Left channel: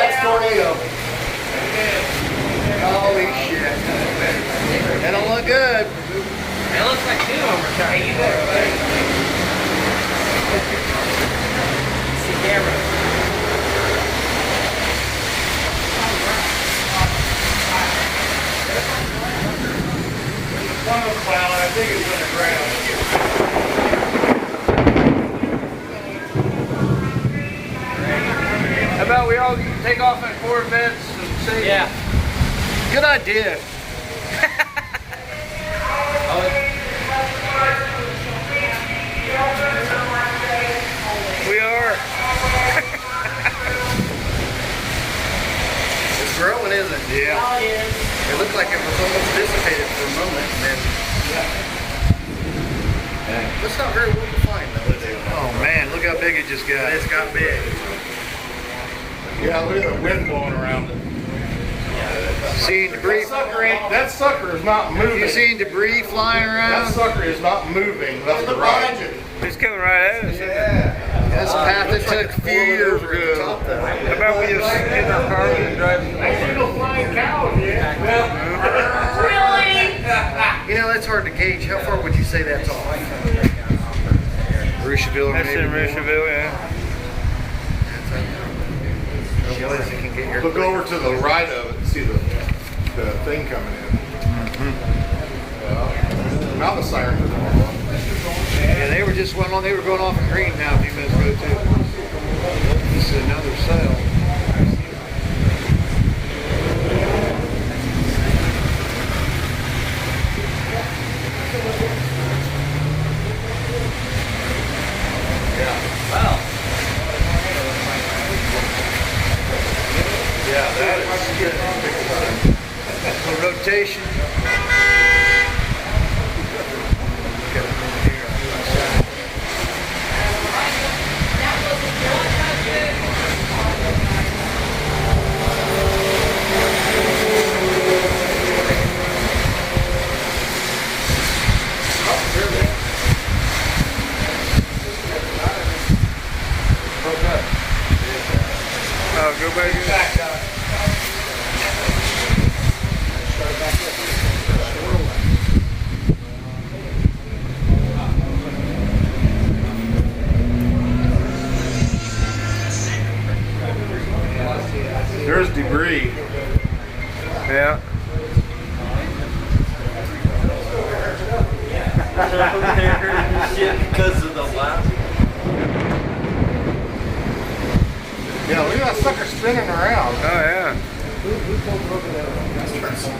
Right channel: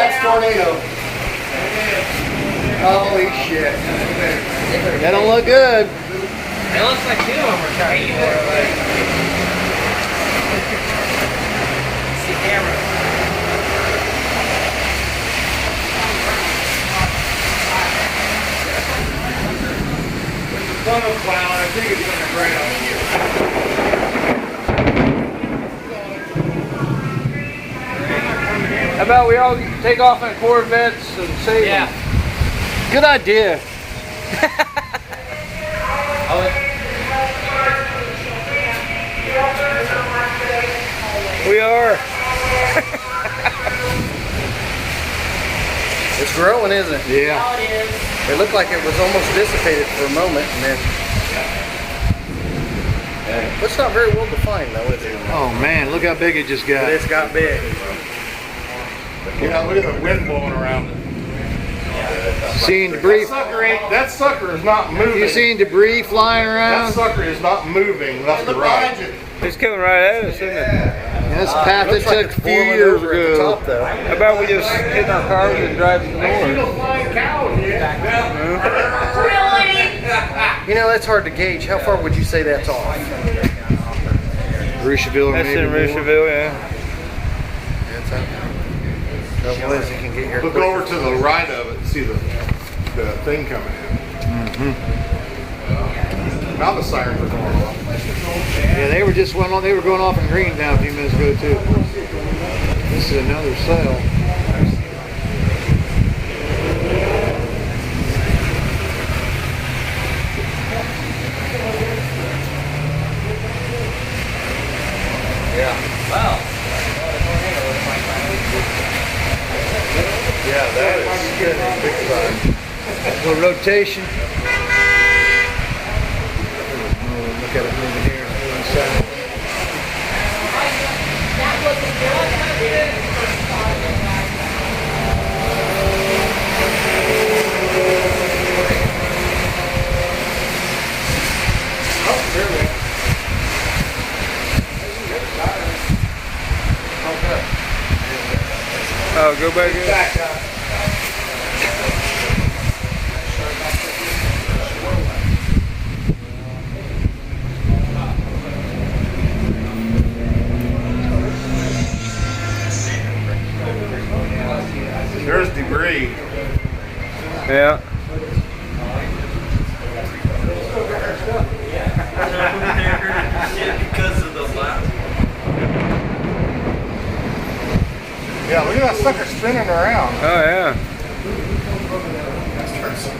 That's tornado. Holy shit. That don't look good. It looks like two of them are trying to get away. See camera. One of clown, I think it's on the ground. How about we all take off in Corvettes and see? Yeah. Good idea. We are. It's growing, isn't it? Yeah. It looked like it was almost dissipated for a moment, and then it's not very well defined, though, is it? Oh man, look how big it just got. It's got big. Yeah, look at the wind blowing around it. Seeing debris. That sucker is not moving. You seen debris flying That around? sucker is not moving left to right. It's coming right at us, isn't it? That's the path it took a few years ago. Top, though. How about we just get in our cars and drive north? Flying cows, yeah. You know, that's hard to gauge. How far would you say that's off? Rushville, That's maybe in Rushville, yeah. Trouble is, you can get your Look over to the right of it and see the thing coming in. Now the sirens are going off. Yeah, they were just went on. They were going off in green now a few minutes ago too. This is another cell. Wow. Yeah, that is big time. A little rotation. Look at it moving here. Moving south. Oh, go back in. There's debris. Yeah. Because of the last. Yeah, look at that sucker spinning around. Oh yeah.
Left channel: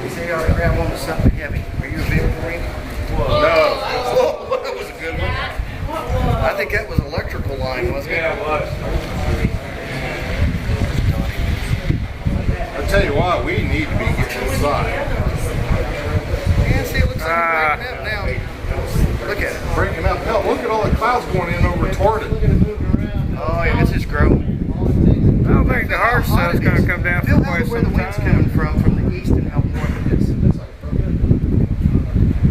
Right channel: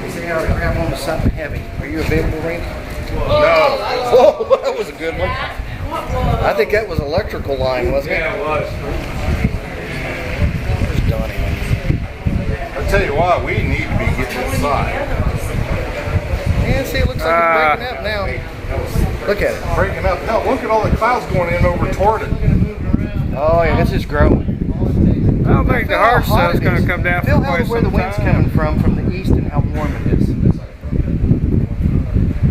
You say I ought to grab one with something heavy. Are you available, Randy? No. Whoa, that was a good one. I think that was electrical line, wasn't it? Yeah, it was. Where's Donnie? I tell you what, we need to be getting inside. Yeah, see, it looks like it's breaking up now. Look at it. Breaking up. Hell, look at all the clouds going in over toward it. Oh, yeah, this is growing. I don't think the hard stuff's going to come down Feel for quite where some the wind's time. coming from the east and how warm it is.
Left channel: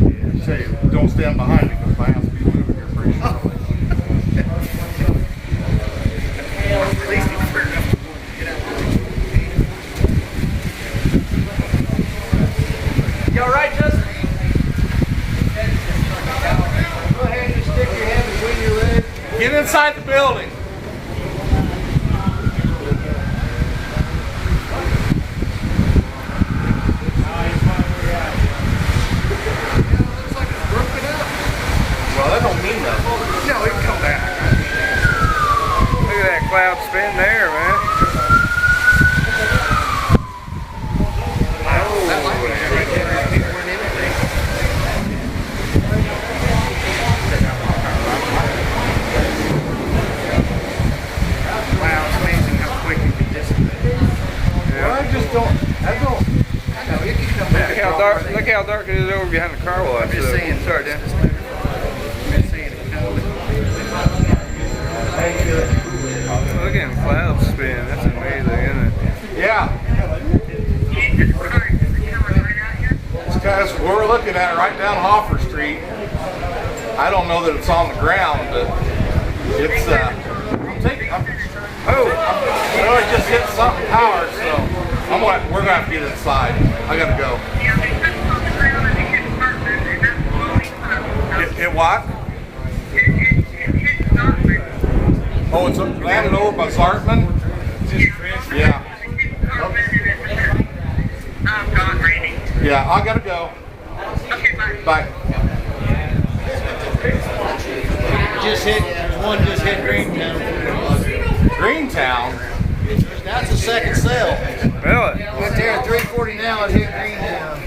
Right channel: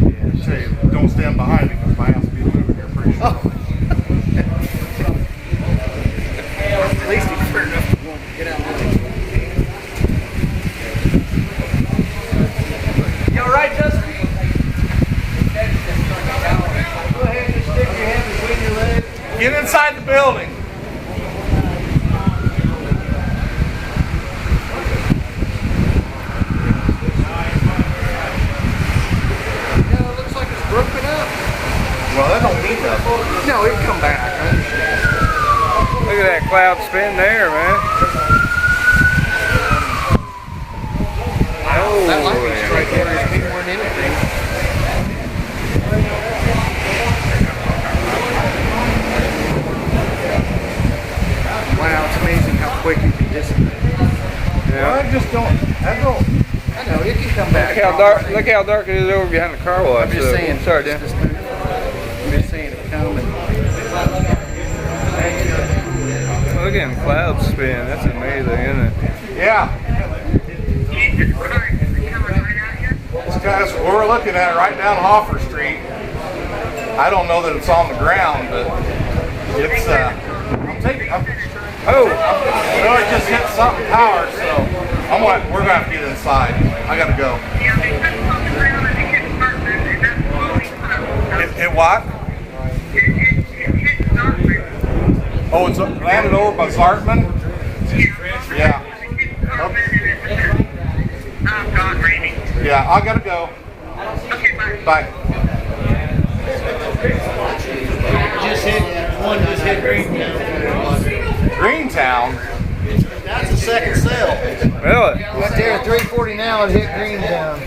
Yeah, say, don't stand behind me because my house will be moving here pretty shortly. At least he's fair enough to get out of the way. You alright, Justin? Go ahead and stick your hand between your legs. Get inside the building. Broken up. Well, that don't mean nothing. No, it'd come back. I understand. Look at that cloud spin there, man. Oh, That lightning strike there is bigger than anything. Wow, it's amazing how quick it can dissipate. yeah. Well, I don't. I know, it can come back. Look how dark it is over behind the car wash. I'm just saying. Sorry, Dan. I'm just saying it come and Look at them clouds spin. That's amazing, isn't it? Yeah. This guy's we're looking at right down Hoffer Street. I don't know that it's on the ground, but it's. Oh, well, it just hit something power, so we're gonna have to get inside. I gotta go. Yeah, they put it on the ground and it hit Sparkman, and that's slowly coming. Hit what? It hit Sparkman. Oh, it's landed over by Zartman? Yeah. It hit Sparkman and it's gone raining. Yeah, I gotta go. Okay, bye. Bye. Just hit Greentown. Greentown? That's the second cell. Really? Right there at 340 now, it hit Greentown.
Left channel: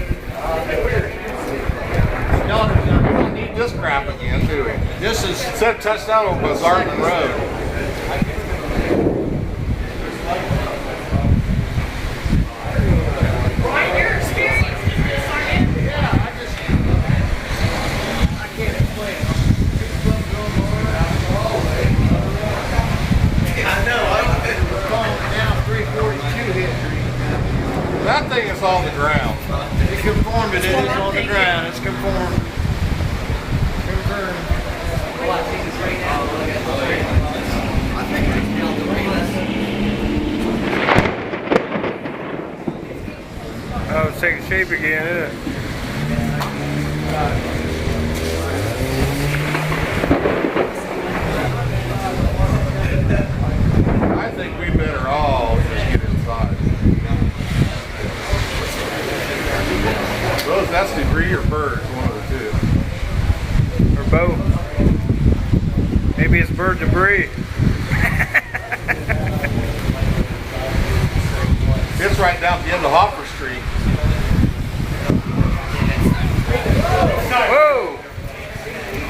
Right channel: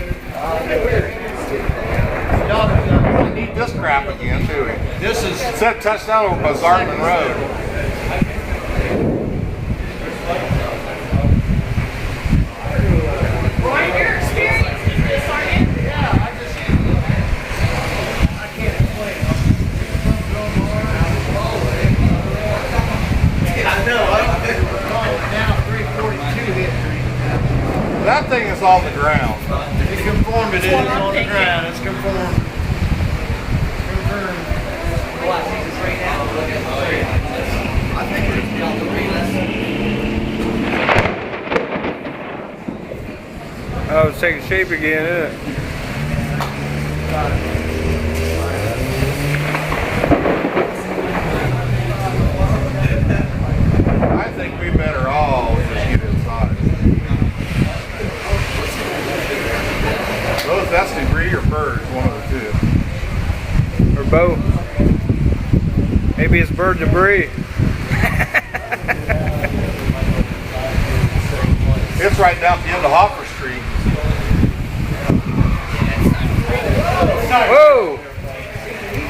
We need this crap again, do we? This is It said touchdown over by Zartman Road. What your experience with this, Sergeant? now 342 hit Greentown. That thing is on the ground. It conformed, it is on the ground. It's conformed. Confirmed. Oh, it's taking shape again, isn't it? I think we better all just get inside. Those, that's debris or birds, one of the two. Or both. Maybe it's bird debris. It's right down at the end of Hoffer Street. Whoa!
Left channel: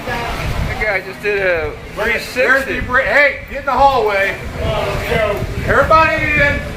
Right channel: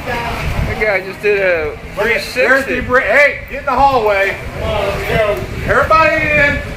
That guy just did a There's 360. debris. Hey, get in the hallway. Everybody in.